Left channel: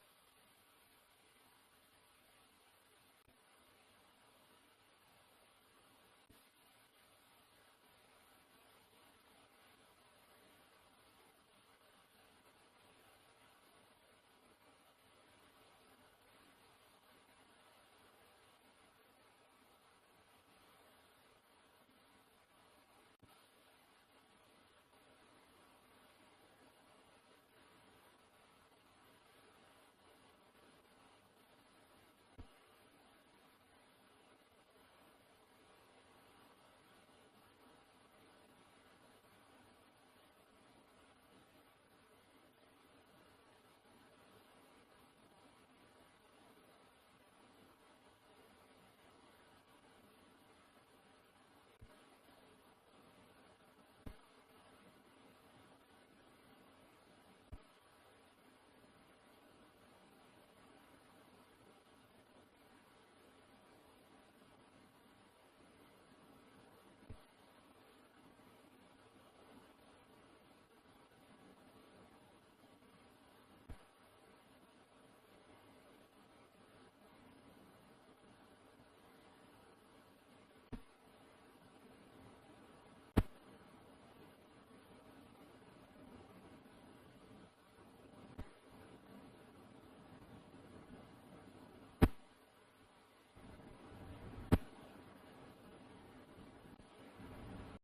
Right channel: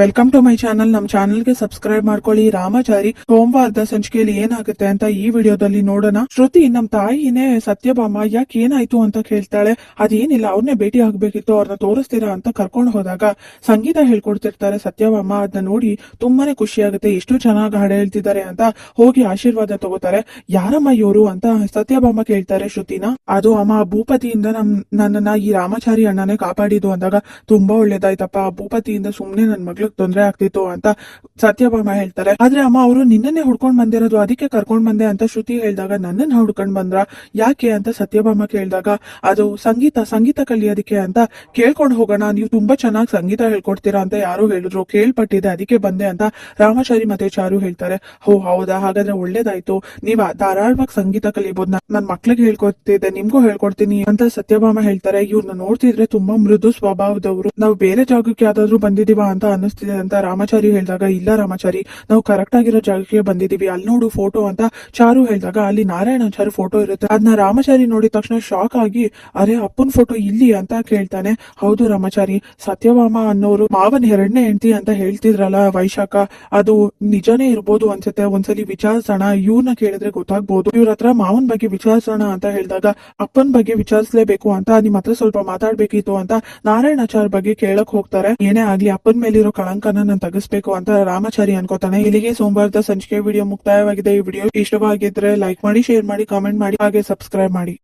Welcome to my channel. ನಮ್ಮ ಚಾನಲ್ಗೆ subscribe ಮಾಡ್ಕೊಳ್ಳಿ. ರಾಮಾಚಾರಿ ಸೋಮವಾರದ ಸಂಚಿಕೆಯಲ್ಲಿ ಏನಾಗುತ್ತೆ ಅಂತ ಈ ವಿಡಿಯೋದಲ್ಲಿ ನೋಡೋಣ. ಶ್ರುತಿ ನಮ್ಮ ತಾಯಿನೇ ಸತ್ಯಭಾಮ ಯಾಕೆ ಏನಾಯ್ತು ಅಂತ ಕೇಳ್ತಾಳೆ. ಅದೇನಿಲ್ಲ, ಅವ್ರನ್ನೇ ಭೇಟಿ ಆಗ್ಬೇಕಿತ್ತು, ಅವ್ರನ್ನ ತೋರಿಸ್ತೀರಾ ಅಂತ ಕರ್ಕೊಂಡು ಹೋದಾಗ ಸಂಗೀತ ಹೇಳ್ಕೊಡ್ತಿರ್ತಾರೆ ಸತ್ಯಭಾಮ. ಅದನ್ನ ನೋಡಿ ತುಂಬಾನೇ ಖುಷಿ ಆಗುತ್ತೆ. ಎಷ್ಟು ಚೆನ್ನಾಗಿ ಹಾಡು ಹೇಳ್ತಿದ್ದಾರೆ ಅಂತ ಹೋಗಿ ಆಶೀರ್ವಾದ ತಗೋತಾರೆ. ಯಾರಮ್ಮ ಇವರು ಅಂತ ಸತ್ಯಭಾಮ ಕೇಳ್ತಾರೆ ಶ್ರುತಿನ. ಅದು ಅಮ್ಮ, ಭೂಪತಿಯಿಂದ ನನ್ನನ್ನ ಈ ರಾಮಾಚಾರಿ ಅಣ್ಣನೇ ಕಾಪಾಡಿದ್ದು ಅಂದಾಗ ತುಂಬಾ ಒಳ್ಳೇದಾಯ್ತಪ್ಪ. ಭೂಪತಿಯಿಂದ ಸುಮ್ನೆ ನನ್ ಮಗಳು ತೊಂದರೆ ಆಗ್ತಿತ್ತು ಅಂತ ಸತ್ಯಭಾಮ ಹೇಳ್ತಾರೆ. ಆದ್ರೆ ಅಮ್ಮ, ಅವರು ನಿನ್ನನ್ನೇ ಹುಡ್ಕೊಂಡ್ ಬಂದಿರೋದು, ಅದಕ್ಕೆ ಕರ್ಕೊಂಡ್ ಬಂದೆ ಅಂತ ಶ್ರುತಿ ಹೇಳಿದಾಗ ನನ್ನನ್ನ ಹುಡ್ಕೊಂಡ್ ಬಂದ್ರ ಯಾಕೆ ಅಂತ ಸತ್ಯಭಾಮ ಕೇಳಿದಾಗ ಅದು ಸಂಗೀತ ಕಲಿಯೋದಕ್ಕೆ ಅಂತ ಕೇಳ್ಕೊಂಡು ಹೋಗೋಣ, ನೀವು ತುಂಬಾ ಚೆನ್ನಾಗಿ ಸಂಗೀತ ಹೇಳ್ಕೊಡ್ತೀರಾ ಅಂತ ಯಾರು ಹೇಳಿದ್ರು, ಕೇಳ್ಪಟ್ಟಿದೆ ಅದಕ್ಕೆ ಬಂದೆ ಅಂತ ರಾಮಾಚಾರಿ ಮತ್ತೆ ಚಾರು ಹೇಳ್ತಾರೆ. ಹೌದಾ, ಹಾಗಾದ್ರೆ ಒಳ್ಳೇದಾಯ್ತು, ನೀವ್ ಧಾರಾಳವಾಗಿ ಸಂಗೀತ ಕಲಿಬಹುದು, ನನ್ ಮಕ್ಳಿಗೆ ಹೇಳ್ಕೊಡ್ತಿದ್ದೆ, ನಿಮ್ಗೂ ಹೇಳ್ಕೊಡ್ತೀನಿ ಅಂತ ಸತ್ಯಭಾಮ ಹೇಳ್ತಾರೆ. ಇವ್ರನ್ನ ನೋಡ್ತಿದ್ರೆ ತುಂಬಾ ಮೃದು ಸ್ವಭಾವದವರು, ನಾವು ಬೇರೆ ಜಾಗಕ್ಕೆ ಯಾವ್ದಾದ್ರು ಬಂದಿದೀವ ಅಂತ ಅನ್ನಿಸ್ತಿದೆ ಅಂತ ರಾಮಾಚಾರಿ ಹೇಳಿದಾಗ ಇಲ್ಲ ರಾಮಾಚಾರಿ, ನಾವು ಕರೆಕ್ಟ್ ಆಗಿರೋ ಜಾಗಕ್ಕೆ ಬಂದಿದೀವಿ, ಅಲ್ಲಿ ನೋಡು ಫೋಟೋ ಅಂತ ಚಾರು ಹೇಳಿದಾಗ ಅಲ್ಲಿ ನಾರಾಯಣಾಚಾರಿ ಫೋಟೋ ಇರುತ್ತೆ. ಅದನ್ನ ರಾಮಾಚಾರಿ ನೋಡಿದ ತಕ್ಷಣ ಶಾಕ್ ಆಗಿ, ಅರೆ ಅಪ್ಪನ್ ಫೋಟೋ ಇಲ್ಲಿ ಅಂತ ಕೇಳ್ತಾನೆ. ಹೌದು ರಾಮಾಚಾರಿ, ಸತ್ಯಭಾಮ ಅನ್ನೋರು ಮಾವನ್ ಎರಡನೇ ಹೆಂಡತಿ ಅಂತ ಹೇಳ್ತಿದ್ರಲ್ಲ ವೈಶಾಖ, ಅದು ನಿಜಾನೇ ಇರ್ಬೋದು ಅನ್ಸುತ್ತೆ, ಒಂದ್ಸಲಿ ವಿಚಾರಿಸೋಣ, ಇವ್ರನ್ನ ಕೇಳಿದ್ರೆ ಗೊತ್ತಾಗ್ಬೋದು, ಇವ್ರ ಹತ್ರ ಮಾವನ್ ಬಗ್ಗೆ ವಿಚಾರಿಸೋಣ ಅಂತ ಹೇಳಿದಾಗ ಅಪ್ಪನ್ ಬಗ್ಗೆ ವಿಚಾರಿಸಲೇಬೇಕು ಅಂತ, ನಿಮ್ ಹತ್ರ ಸ್ವಲ್ಪ ಮಾತಾಡ್ಬೇಕಿತ್ತು ಅಂತ ನಾರಾಯಣಾಚಾರ್ ಬಗ್ಗೆ ಕೇಳಕ್ ಹೋಗ್ತಾರೆ. ಏನೇ ಆಗ್ಲಿ ಅಪ್ಪನ್ ಮೇಲಿರೋ ಕಳಂಕನ ನಾನು ತಗಿಸ್ಬೇಕು ಅಂತ ರಾಮಾಚಾರಿ ಅನ್ಕೋತಾನೆ. ಇಲ್ಲಿಗೆ ಸೋಮವಾರದ ಸಂಚಿಕೆ ವಿಡಿಯೋ ಮುಕ್ತಾಯವಾಗಿದೆ. ಈ ವಿಡಿಯೋ ಇಷ್ಟವಾಗಿದ್ರೆ ಲೈಕ್ ಮಾಡಿ, ಶೇರ್ ಮಾಡಿ, ಕಾಮೆಂಟ್ ಮಾಡಿ, ಹಾಗೆ ಸಬ್ಸ್ಕ್ರೈಬ್ ಮಾಡಿ.